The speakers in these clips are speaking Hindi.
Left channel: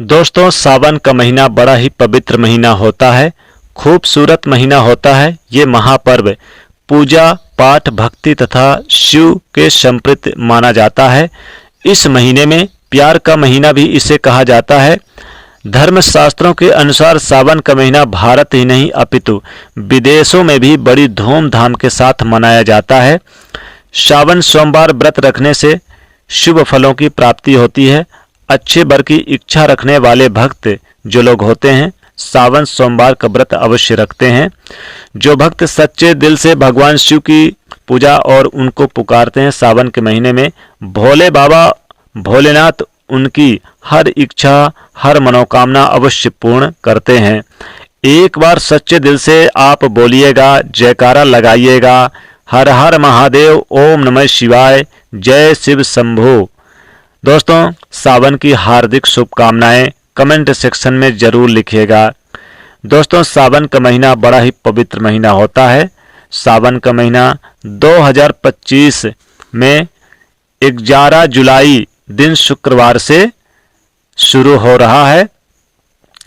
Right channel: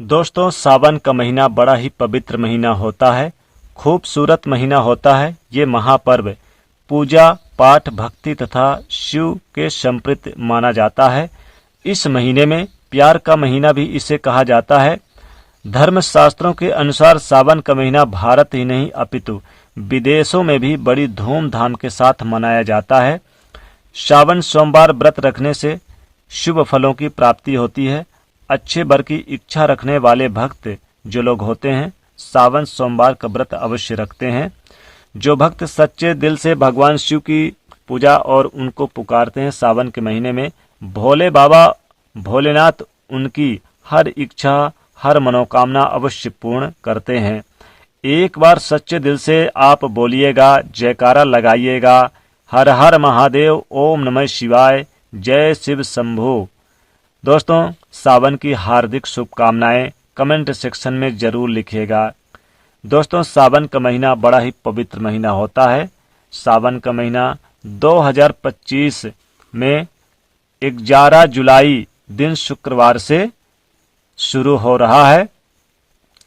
दोस्तों, सावन का महीना बड़ा ही पवित्र महीना होता है, खूबसूरत महीना होता है। ये महापर्व पूजा पाठ भक्ति तथा शिव के संप्रीत माना जाता है। इस महीने में प्यार का महीना भी इसे कहा जाता है। धर्मशास्त्रों के अनुसार सावन का महीना भारत ही नहीं अपितु विदेशों में भी बड़ी धूमधाम के साथ मनाया जाता है। सावन सोमवार व्रत रखने से शुभ फलों की प्राप्ति होती है। अच्छे वर की इच्छा रखने वाले भक्त जो लोग होते हैं सावन सोमवार का व्रत अवश्य रखते हैं। जो भक्त सच्चे दिल से भगवान शिव की पूजा और उनको पुकारते हैं सावन के महीने में, भोले बाबा भोलेनाथ उनकी हर इच्छा हर मनोकामना अवश्य पूर्ण करते हैं। एक बार सच्चे दिल से आप बोलिएगा, जयकारा लगाइएगा, हर हर महादेव, ओम नमः शिवाय, जय शिव शंभो। दोस्तों, सावन की हार्दिक शुभकामनाएं कमेंट सेक्शन में जरूर लिखिएगा। दोस्तों, सावन का महीना बड़ा ही पवित्र महीना होता है। सावन का महीना 2025 में 11 जुलाई दिन शुक्रवार से शुरू हो रहा है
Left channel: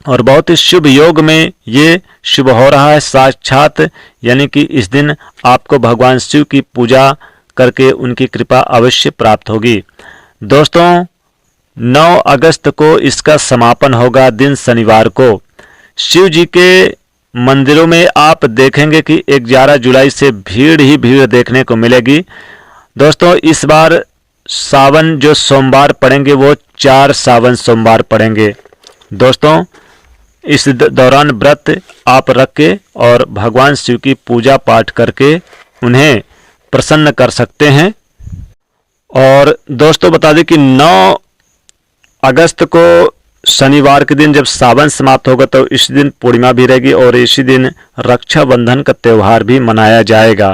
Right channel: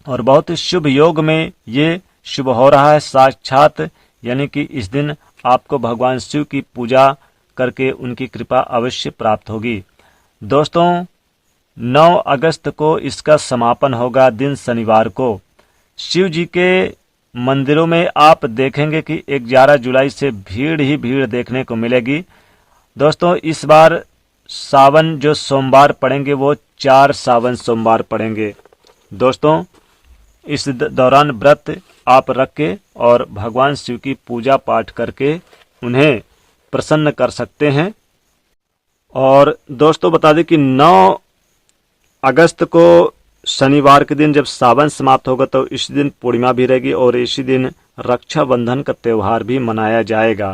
और बहुत ही शुभ योग में ये शुभ हो रहा है। साक्षात यानी कि इस दिन आपको भगवान शिव की पूजा करके उनकी कृपा अवश्य प्राप्त होगी। दोस्तों, 9 अगस्त को इसका समापन होगा दिन शनिवार को। शिव जी के मंदिरों में आप देखेंगे कि 11 जुलाई से भीड़ ही भीड़ देखने को मिलेगी। दोस्तों, इस बार सावन जो सोमवार पड़ेंगे वो 4 सावन सोमवार पड़ेंगे। दोस्तों, इस दौरान व्रत आप रख के और भगवान शिव की पूजा पाठ करके उन्हें प्रसन्न कर सकते हैं। और दोस्तों, बता दें कि 9 अगस्त को शनिवार के दिन जब सावन समाप्त होगा तो इस दिन पूर्णिमा भी रहेगी और इसी दिन रक्षाबंधन का त्यौहार भी मनाया जाएगा।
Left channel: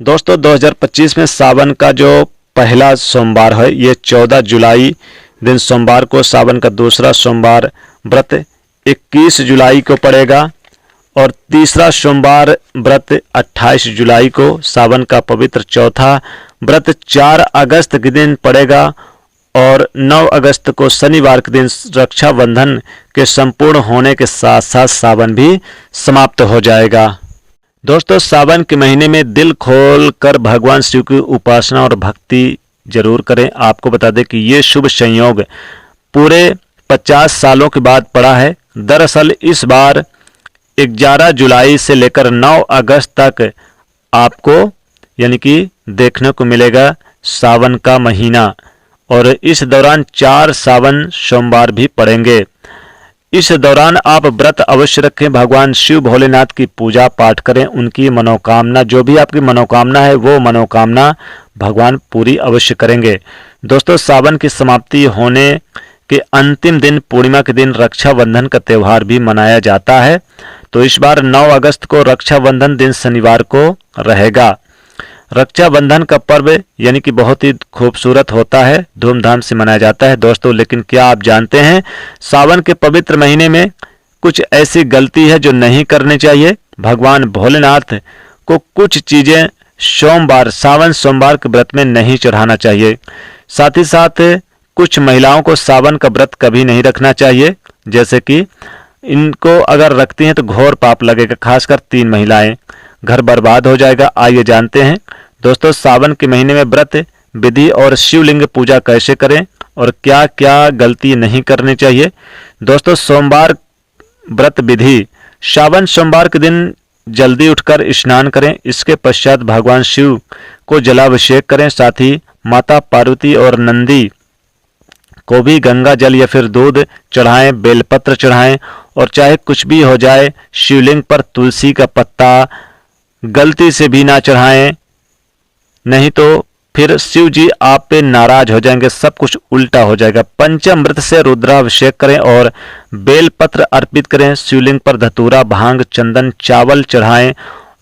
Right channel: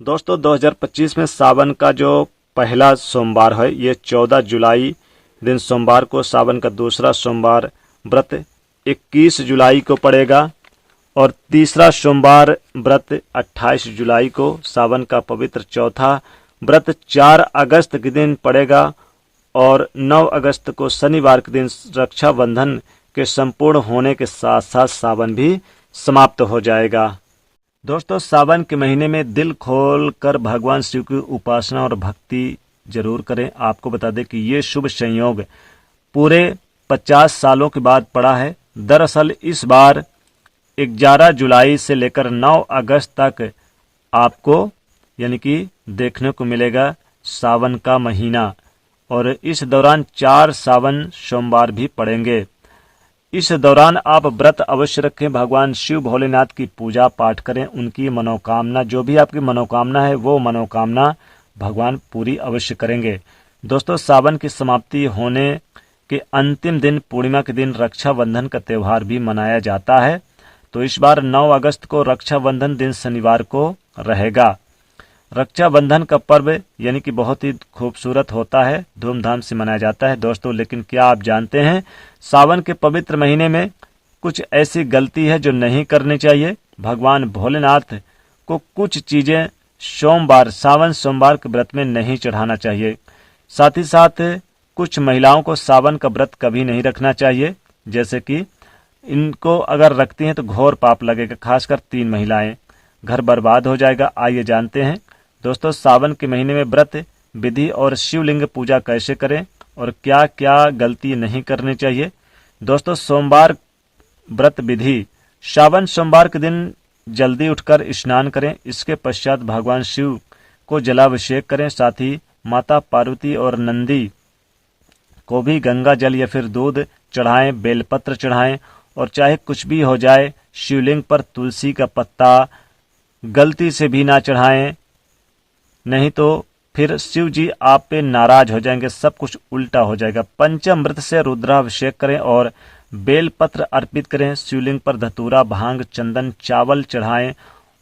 दोस्तों, 2025 में सावन का जो पहला सोमवार है ये 14 जुलाई दिन सोमवार को, सावन का दूसरा सोमवार व्रत 21 जुलाई को पड़ेगा और तीसरा सोमवार व्रत 28 जुलाई को, सावन का पवित्र चौथा व्रत 4 अगस्त के दिन पड़ेगा और 9 अगस्त को शनिवार के दिन रक्षाबंधन के संपूर्ण होने के साथ साथ सावन भी समाप्त हो जाएगा। दोस्तों, सावन के महीने में दिल खोल कर भगवान शिव की उपासना और भक्ति जरूर करें। आपको बता दें कि ये शुभ संयोग पूरे 50 सालों के बाद पड़ा है। दरअसल इस बार 11 जुलाई से लेकर 9 अगस्त तक आपको यानी कि देखने को मिलेगा सावन का महीना और इस दौरान 4 सावन सोमवार भी पड़ेंगे। इस दौरान आप व्रत अवश्य रखें, भगवान शिव भोलेनाथ की पूजा पाठ करें, उनकी मनोकामना जो भी आपकी मनोकामना है वो मनोकामना भगवान पूरी अवश्य करेंगे। दोस्तों, सावन की समाप्ति होने के अंतिम दिन पूर्णिमा के दिन रक्षाबंधन का त्यौहार भी मनाया जाता है। तो इस बार 9 अगस्त को रक्षाबंधन दिन शनिवार को रहेगा। रक्षाबंधन का पर्व यानी कि बहुत ही खूबसूरत होता है, धूमधाम से मनाया जाता है। दोस्तों, लेकिन क्या आप जानते हैं सावन के पवित्र महीने में कुछ ऐसी गलती है जो नहीं करनी चाहिए। भगवान भोलेनाथ को कुछ चीजें सोमवार सावन सोमवार के व्रत में नहीं चढ़ाना चाहिए। साथ ही साथ कुछ महिलाओं को सावन का व्रत कभी नहीं रखना चाहिए, जैसे कि इनको अगर रखती हैं तो घोर पाप लगेगा, खासकर 3 महिलाएं, घर बर्बाद हो जाएगा। आइए जानते हैं दोस्तों सावन के महीने में व्रत विधि और शिवलिंग पूजा कैसे करें और क्या क्या गलती नहीं करनी चाहिए। दोस्तों, सोमवार व्रत विधि, सावन सोमवार के दिन जल्दी उठकर स्नान करें। इसके पश्चात भगवान शिव को जलाभिषेक करें। साथ ही माता पार्वती और नंदी को भी गंगा जल या फिर दूध चढ़ाएं, बेलपत्र चढ़ाएं और चाहे कुछ भी हो जाए शिवलिंग पर तुलसी का पत्ता गलती से भी ना चढ़ाएं, नहीं तो फिर शिव जी आप पे नाराज हो जाएंगे, सब कुछ उल्टा हो जाएगा। पंचामृत से रुद्राभिषेक करें और बेलपत्र अर्पित करें। शिवलिंग पर धतूरा, भांग, चंदन, चावल चढ़ाएं,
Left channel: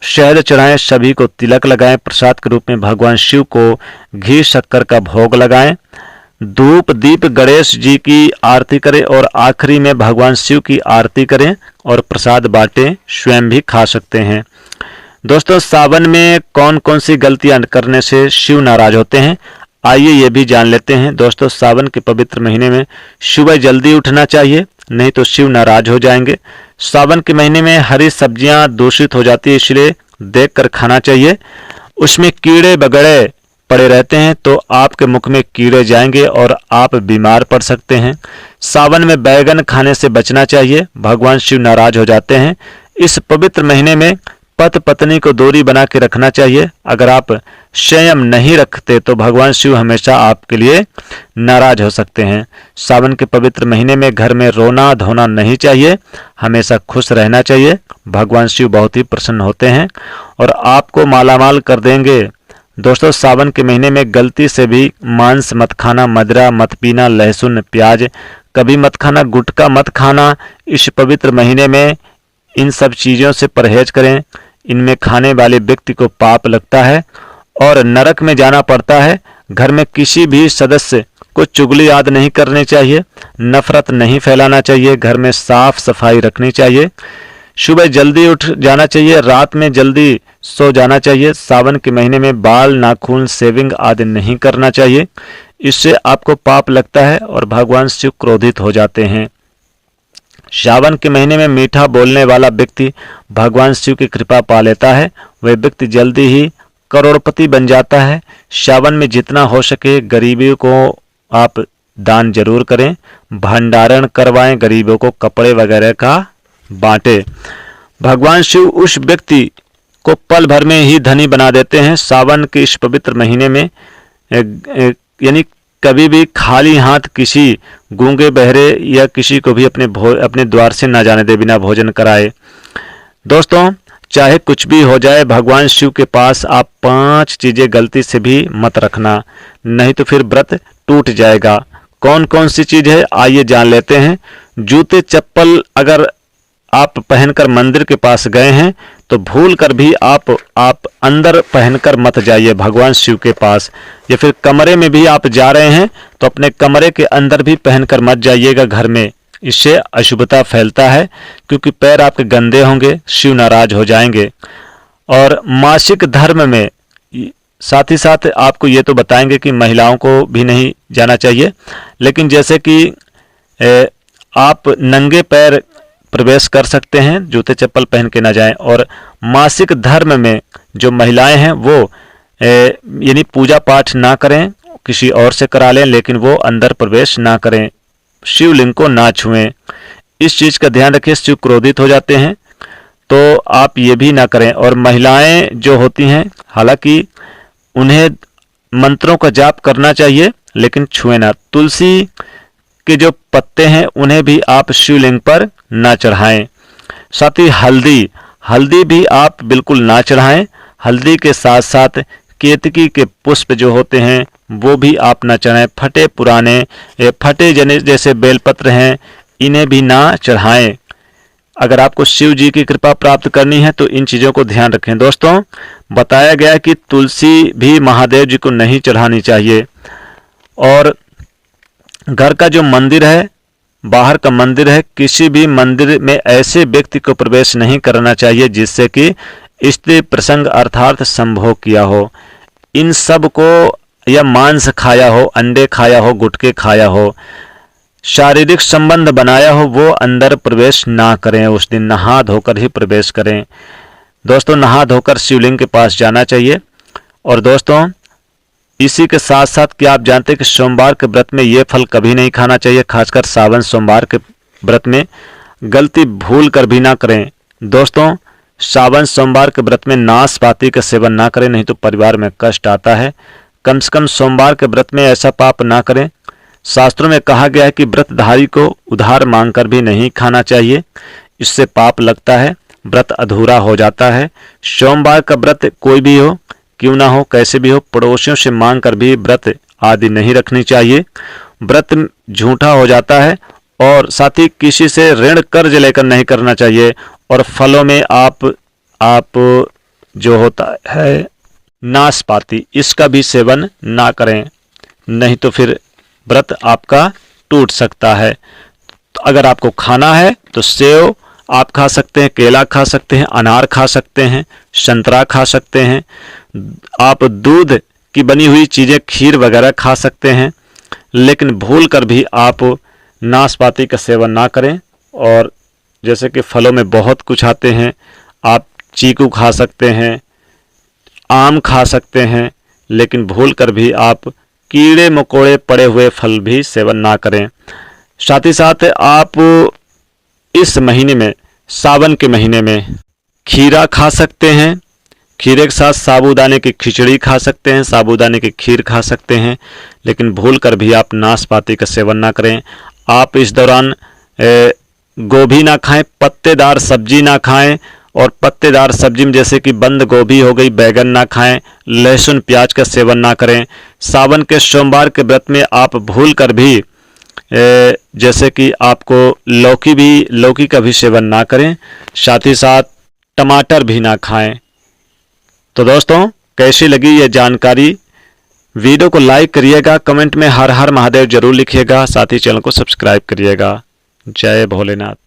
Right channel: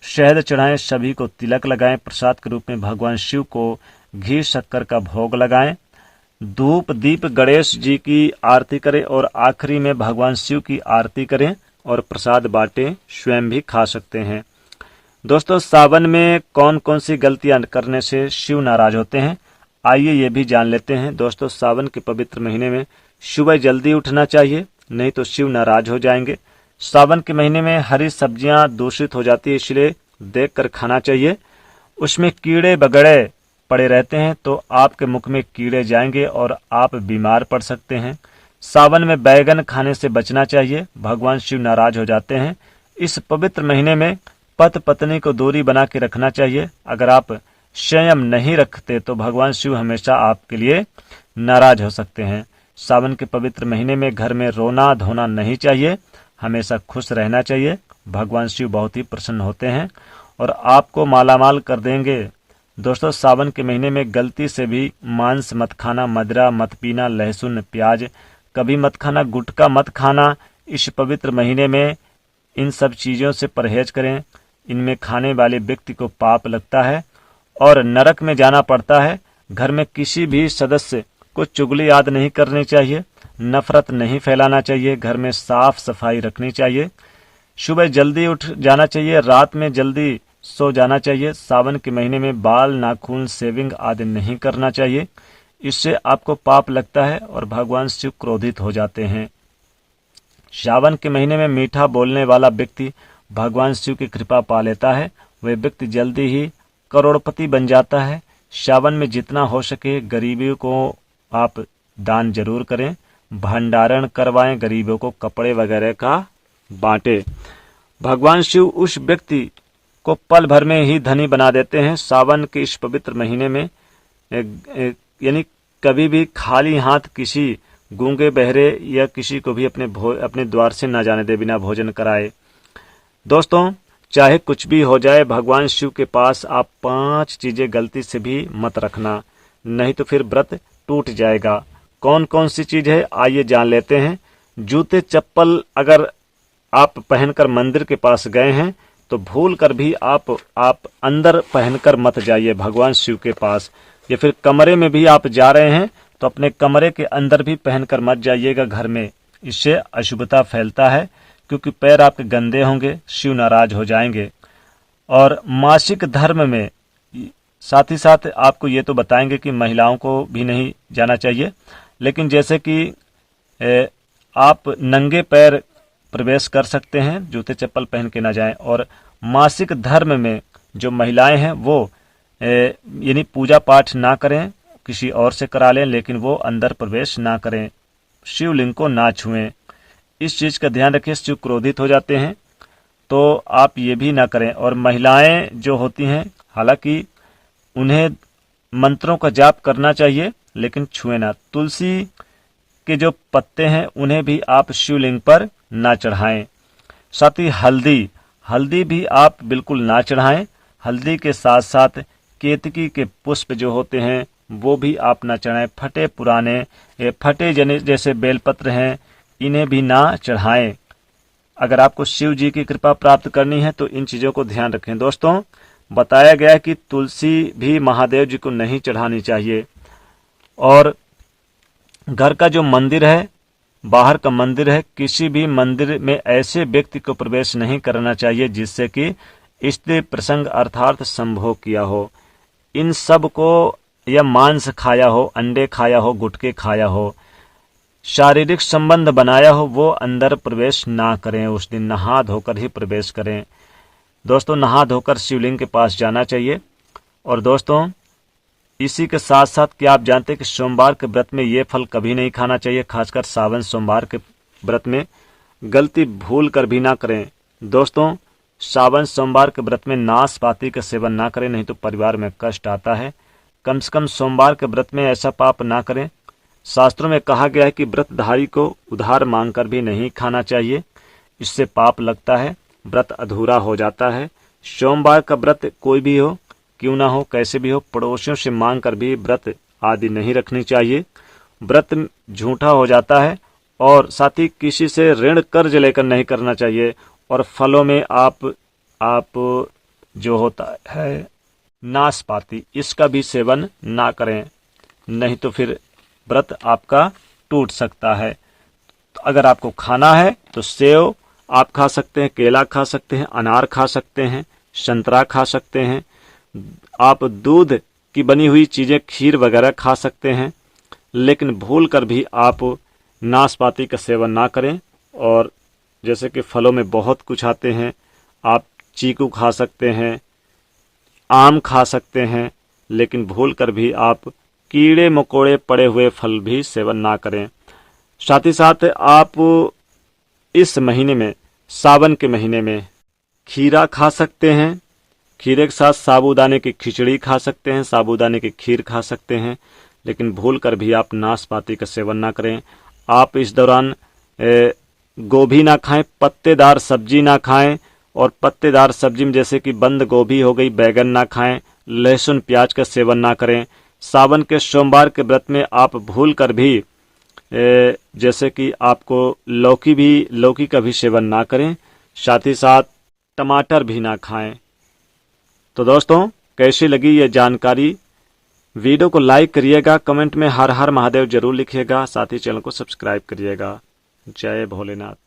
शहद चढ़ाएं, सभी को तिलक लगाएं। प्रसाद के रूप में भगवान शिव को घी शक्कर का भोग लगाएं। धूप दीप गणेश जी की आरती करें और आखिरी में भगवान शिव की आरती करें और प्रसाद बांटें, स्वयं भी खा सकते हैं। दोस्तों, सावन में कौन कौन सी गलतियां करने से शिव नाराज होते हैं आइए ये भी जान लेते हैं दोस्तों, सावन के पवित्र महीने में सुबह जल्दी उठना चाहिए, नहीं तो शिव नाराज हो जाएंगे। सावन के महीने में हरी सब्जियां दूषित हो जाती है, इसलिए देखकर खाना चाहिए। उसमें कीड़े बगड़े पड़े रहते हैं तो आपके मुख में कीड़े जाएंगे और आप बीमार पड़ सकते हैं। सावन में बैगन खाने से बचना चाहिए, भगवान शिव नाराज हो जाते हैं। इस पवित्र महीने में पति पत्नी को दूरी बना के रखना चाहिए। अगर आप संयम नहीं रखते तो भगवान शिव हमेशा आपके लिए नाराज हो सकते हैं। सावन के पवित्र महीने में घर में रोना धोना नहीं चाहिए, हमेशा खुश रहना चाहिए। भगवान शिव बहुत ही प्रसन्न होते हैं और आपको मालामाल कर देंगे। दोस्तों, सावन के महीने में गलती से भी मांस मत खाना, मदिरा मत पीना, लहसुन प्याज कभी मत खाना, गुटखा मत खाना। इस पवित्र महीने में इन सब चीज़ों से परहेज करें। इनमें खाने वाले व्यक्ति को पाप लगता है और नरक में जाना पड़ता है। घर में किसी भी सदस्य को चुगली याद नहीं करनी चाहिए, नफरत नहीं फैलाना चाहिए, घर में साफ सफाई रखनी चाहिए, सुबह जल्दी उठ जाना चाहिए, रात में जल्दी सो जाना चाहिए। सावन के महीने में बाल नाखून शेविंग आदि नहीं करना चाहिए, इससे आपको पाप लगता है और भगवान शिव क्रोधित हो जाते हैं। सावन के महीने में मीठा बोलने वाला व्यक्ति भगवान शिव की कृपा पा लेता है, वह व्यक्ति जल्दी ही करोड़पति बन जाता है। सावन में जितना हो सके गरीबों को आप दान जरूर करें, भंडारण करवाएं, गरीबों को कपड़े वगैरह का बांटे। भगवान शिव उस व्यक्ति को पल भर में ही धनी बना देते हैं। सावन के इस पवित्र महीने में यानी कभी भी खाली हाथ किसी गूंगे बहरे या किसी को भी अपने द्वार से ना जाने दे बिना भोजन कराए। दोस्तों, चाहे कुछ भी हो जाए, भगवान शिव के पास आप 5 चीजें गलती से भी मत रखना, नहीं तो फिर व्रत टूट जाएगा। कौन कौन सी चीज है आइए जान लेते हैं। जूते चप्पल अगर आप पहनकर मंदिर के पास गए हैं तो भूल कर भी आप अंदर पहनकर मत जाइए भगवान शिव के पास, या फिर कमरे में भी आप जा रहे हैं तो अपने कमरे के अंदर भी पहनकर मत जाइएगा घर में, इससे अशुभता फैलता है क्योंकि पैर आपके गंदे होंगे, शिव नाराज हो जाएंगे। और मासिक धर्म में साथ ही साथ आपको ये तो बताएंगे कि महिलाओं को भी नहीं जाना चाहिए, लेकिन जैसे कि आप नंगे पैर प्रवेश कर सकते हैं, जूते चप्पल पहन के ना जाएं। और मासिक धर्म में जो महिलाएं हैं वो यानी पूजा पाठ ना करें, किसी और से करा लें, लेकिन वो अंदर प्रवेश ना करें, शिवलिंग को ना छुएं। इस चीज़ का ध्यान रखें, शिव क्रोधित हो जाते हैं, तो आप ये भी ना करें। और महिलाएं जो होती हैं, हालांकि उन्हें मंत्रों का जाप करना चाहिए लेकिन छुए ना। तुलसी के जो पत्ते हैं उन्हें भी आप शिवलिंग पर ना चढ़ाएं। साथ ही हल्दी भी आप बिल्कुल ना चढ़ाएं। हल्दी के साथ साथ केतकी के पुष्प जो होते हैं वो भी आप ना चढ़ाएं। फटे जैसे बेलपत्र हैं इन्हें भी ना चढ़ाएं। अगर आपको शिव जी की कृपा प्राप्त करनी है तो इन चीज़ों को ध्यान रखें। दोस्तों, बताया गया कि तुलसी भी महादेव जी को नहीं चढ़ानी चाहिए। और घर का जो मंदिर है, बाहर का मंदिर है, किसी भी मंदिर में ऐसे व्यक्ति को प्रवेश नहीं करना चाहिए जिससे कि स्त्री प्रसंग अर्थात संभोग किया हो, इन सब को, या मांस खाया हो, अंडे खाया हो, गुटखे खाया हो, शारीरिक संबंध बनाया हो, वो अंदर प्रवेश ना करें। उस दिन नहा धोकर ही प्रवेश करें। दोस्तों, नहा धोकर शिवलिंग के पास जाना चाहिए। और दोस्तों, इसी के साथ साथ क्या आप जानते हैं कि सोमवार के व्रत में ये फल कभी नहीं खाना चाहिए, खासकर सावन सोमवार के व्रत में गलती भूल कर भी ना करें। दोस्तों, सावन सोमवार के व्रत में नाशपाती का सेवन ना करें, नहीं तो परिवार में कष्ट आता है। कम से कम सोमवार के व्रत में ऐसा पाप ना करें। शास्त्रों में कहा गया है कि व्रतधारी को उधार मांगकर भी नहीं खाना चाहिए, इससे पाप लगता है, व्रत अधूरा हो जाता है। सोमवार का व्रत कोई भी हो, क्यों ना हो, कैसे भी हो, पड़ोसियों से मांग कर भी व्रत आदि नहीं रखनी चाहिए, व्रत झूठा हो जाता है। और साथ ही किसी से ऋण कर्ज लेकर नहीं करना चाहिए। और फलों में आप जो होता है नाशपाती, इसका भी सेवन ना करें, नहीं तो फिर व्रत आपका टूट सकता है। तो अगर आपको खाना है तो सेव आप खा सकते हैं, केला खा सकते हैं, अनार खा सकते हैं, संतरा खा सकते हैं। आप दूध की बनी हुई चीज़ें, खीर वगैरह खा सकते हैं, लेकिन भूल कर भी आप नाशपाती का सेवन ना करें। और जैसे कि फलों में बहुत कुछ आते हैं, आप चीकू खा सकते हैं, आम खा सकते हैं, लेकिन भूल कर भी आप कीड़े मकोड़े पड़े हुए फल भी सेवन ना करें। साथ ही साथ आप इस महीने में, सावन के महीने में खीरा खा सकते हैं, खीरे के साथ साबूदाने की खिचड़ी खा सकते हैं, साबूदाने की खीर खा सकते हैं, लेकिन भूल कर भी आप नाशपाती का सेवन ना करें। आप इस दौरान गोभी ना खाएं, पत्तेदार सब्जी ना खाएं, और पत्तेदार सब्जी में जैसे कि बंद गोभी हो गई, बैगन ना खाएं, लहसुन प्याज का सेवन ना करें। सावन के सोमवार के व्रत में आप भूल कर भी जैसे कि आपको लौकी का भी सेवन ना करें, साथ ही साथ टमाटर भी ना खाएं। तो दोस्तों, कैसी लगी ये जानकारी? वीडियो को लाइक करिएगा, कमेंट में हर हर महादेव जरूर लिखिएगा, साथ ही चैनल को सब्सक्राइब करिएगा। जय भोलेनाथ।